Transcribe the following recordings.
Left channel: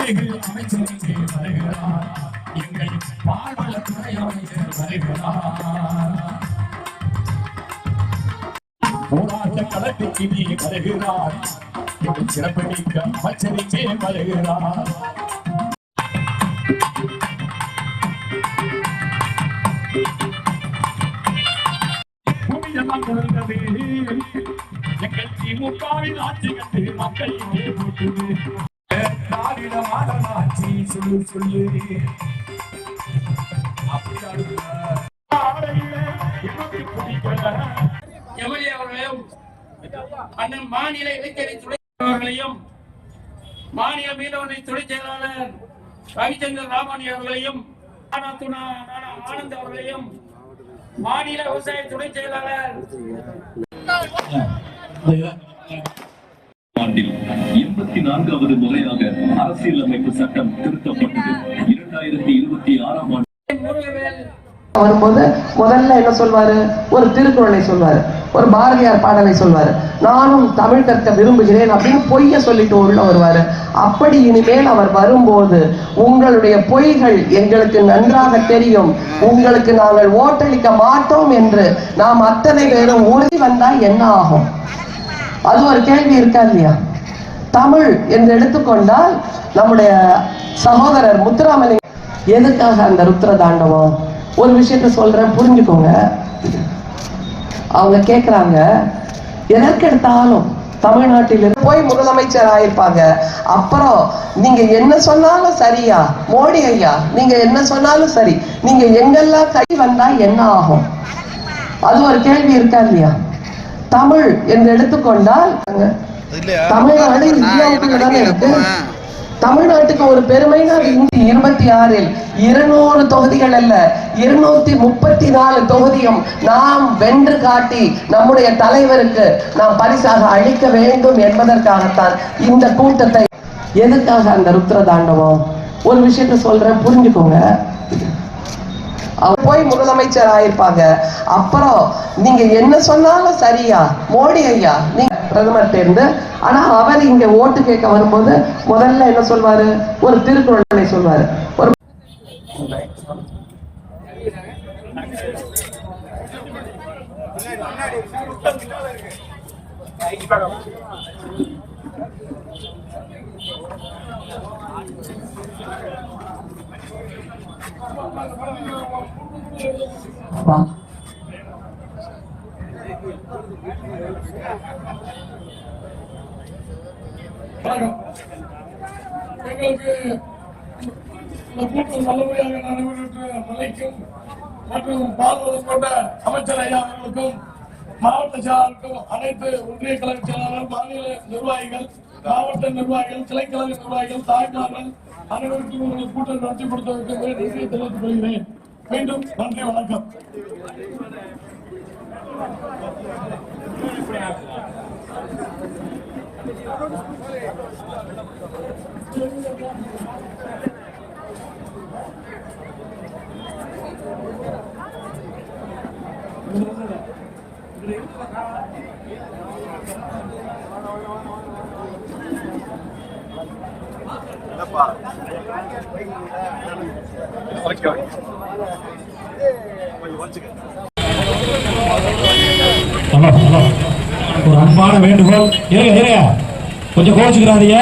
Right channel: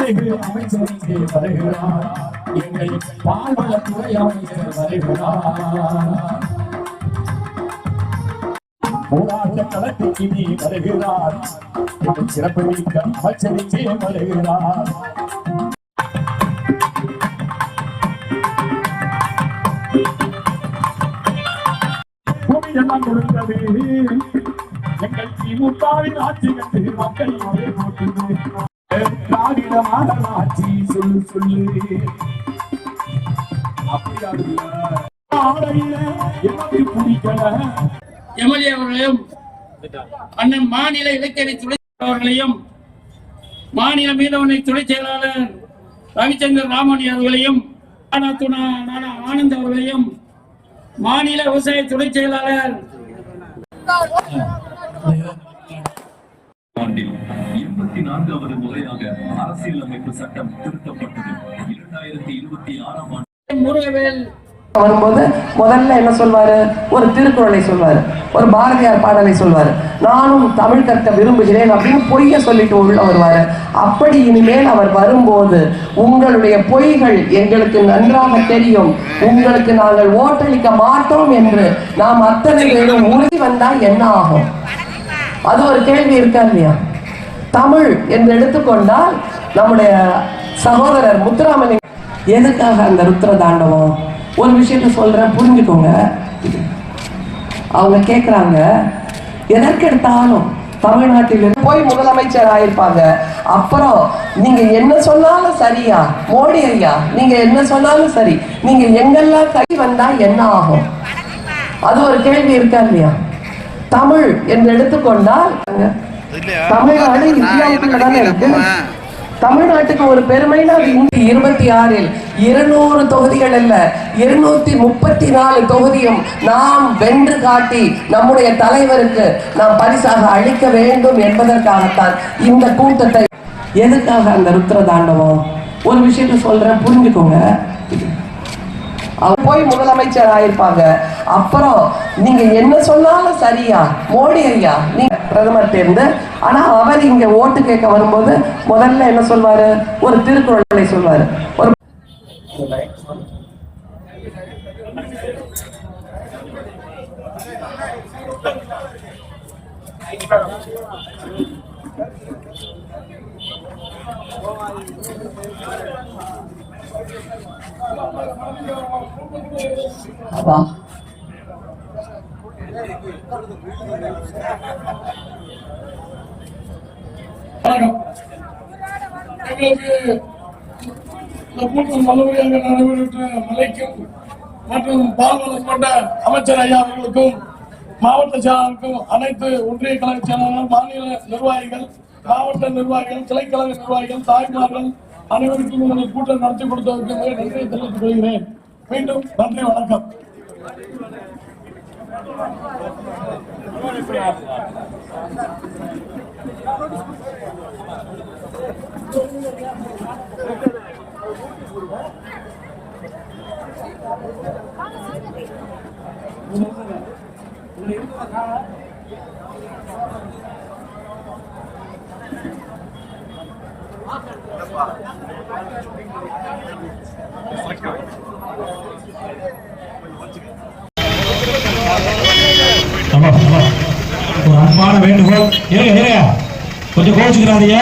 அமைச்சருக்கு வருகிறார். எங்கள் பால்வளத்துறை அமைச்சர் வருகிறார். போராட்ட களத்துக்கு நீ வருகிறார். எங்கள் சிறப்பு மிக்க அமைச்சருக்கு வருகிறார். கொடுத்தது எங்கள் திமுகவின் ஆட்சி கண்டு மக்கள் இங்கே ஆடலாச்சி சொல்லு சொல்லு எனக்கு பிடிக்கல எம்எல்ஏ அவர்களையும் அண்ணன் மாநில இலக்கிய துணை அவர்களையும் மாநில மீனவனை துணை செயலாளர் ரவிச்சந்திரன் ராமணி அவர்களையும் நானா துணா- ஆனந்த் அவர்களையும் மாநில விவசாய துணை செயலாளர் இருபத்தி நான்காவது முறையாக அரசியலமைப்பு சட்டம் திருத்தப்பட்டது. இரண்டாயிரத்தி இருபத்தி ஆறாம் ஆண்டு வரும்போது முதல்ல என்ன சொல்வாரு? ஒரு திருக்குறளை சொல்வாரு. ஒரு பாரதியார் பாடலை சொல்வாரு. நானும் தமிழ் கற்க விரும்புகிறேன் அப்படின்னு பொய்ய சொல்லிட்டு உள்ள வருவாரு. அப்படி இனிமேல் அவர் வரும்போது உங்களுடைய பொய்கள் எங்களுக்கு நன்றாக தெரியும். உங்களுக்கு நாங்கள் ஓட்டளிக்க மாட்டோம் என்று நாம் அத்தனை பேரும் உறுதி வந்தா என்ன ஆகும்? அது ஒரு கேள்வி இருக்கா இல்லையா? தமிழ் என்று எடுத்துக்கொண்டால் நம்முடைய சகோதரர் முத்துராமலிங்க எதுக்காக அந்த ருத்ர தாண்டவம் ஒரு விஷயத்த சொல்றேன் புரிஞ்சுக்கோங்க. அவங்க கேட்குறாங்க எதற்கெடுத்தாலும் தமிழ்நாட்டில் போய் முதலமைச்சர் ஆயிருப்பாங்க. அப்புறம் நீங்க என்ன சொன்னாலும் சரியா? மோடி ஐயா நீங்க என்ன சொன்னாலும் சரி. நீங்க எங்கெல்லாம் கை வந்தா என்ன ஆகும்? அது ஒரு கேள்வி இருக்கா இல்லையா? தமிழ் என்று எடுத்துக்கொண்டால் தமிழ்நாடு இந்தியாவுக்குள்ள தானே இருக்கு தமிழ்நாட்டுக்கு ஒரு பெருமைனா இருபத்தி ஆறில். இருநூறு தொகுதிகள் அல்ல இருநூத்தி முப்பத்தி நாலு தொகுதியும் நாம் வென்று காட்டி நம்முடைய தலைவருக்கு நாம் பரிசாக அளிக்க வேண்டும் என்பதற்காகத்தான் இந்த கூட்டத்தை எதுக்காக அந்த ருத்ர தாண்டவம் ஒரு விஷயத்த சொல்றேன் புரிஞ்சுக்கோங்க. போய் முதலமைச்சர் ஆயிருப்பாங்க. அப்புறம் நீங்க என்ன சொன்னாலும் சரியா? மோடி ஐயா நீங்க பிரதமர் தேர்ந்து ஆனா அவர் இங்க ஓட்டு கேட்க வரும்போது முதல்ல என்ன சொல்வாரு? ஒரு திருக்குறளை சொல்வாரு. ஒரு அப்பா. வணக்கம் எங்களுக்கு எப்போதும் நல்லபடியாக நடைபெற்ற மலைக்கும் மற்றும் பால்வளம் கொண்ட அமைச்சர் ஐயா அவர்களுக்கும் மாவட்ட செயலாளருக்கும் அனைத்து ஒன்றிய கழக செயலாளர்கள் மாநில நிர்வாகிகள் மாவட்ட நிர்வாகிகள் கிளைக்கழக நிர்வாகிகள் தாய்மார்கள் அனைவருக்கும் இந்த கூட்டம் நடத்தி கொடுத்ததற்கு மிக நன்றியை தெரிவித்துக் கொள்கிறேன். மீண்டும் நன்றி வணக்கம். Let's go. ஹலோ ஹலோ ஒரு அன்பான வேண்டுகோள். இருங்க இருங்க கொஞ்சம் கோச்சுக்கிறாதீங்க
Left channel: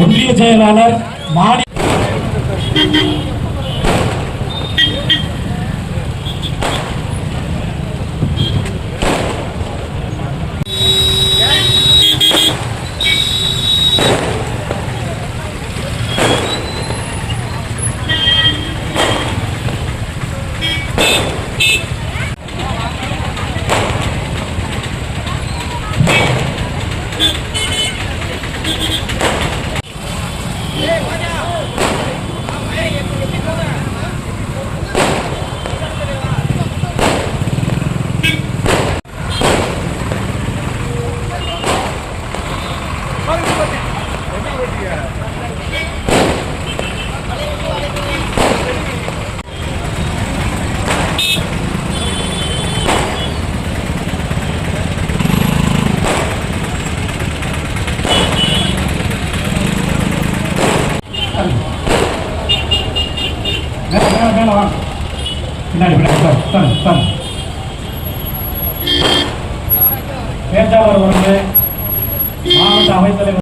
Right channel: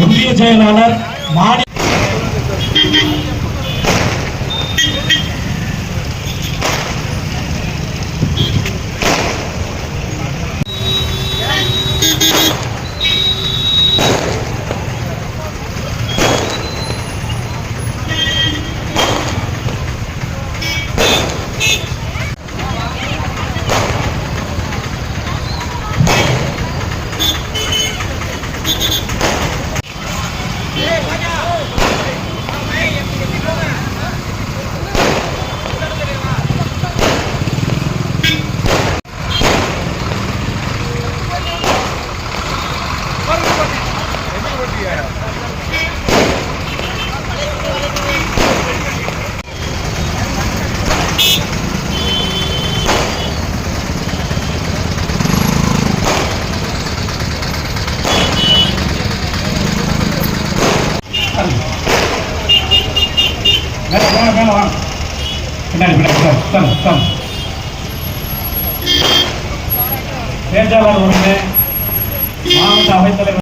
ஒன்றிய செயலாளர் மாநில மேல மேல வாங்க. பின்னாடி பின்னாடி சார் சார் சார் பேச்சாளர் ஒன்று மாவட்ட அவைத்தலைவர்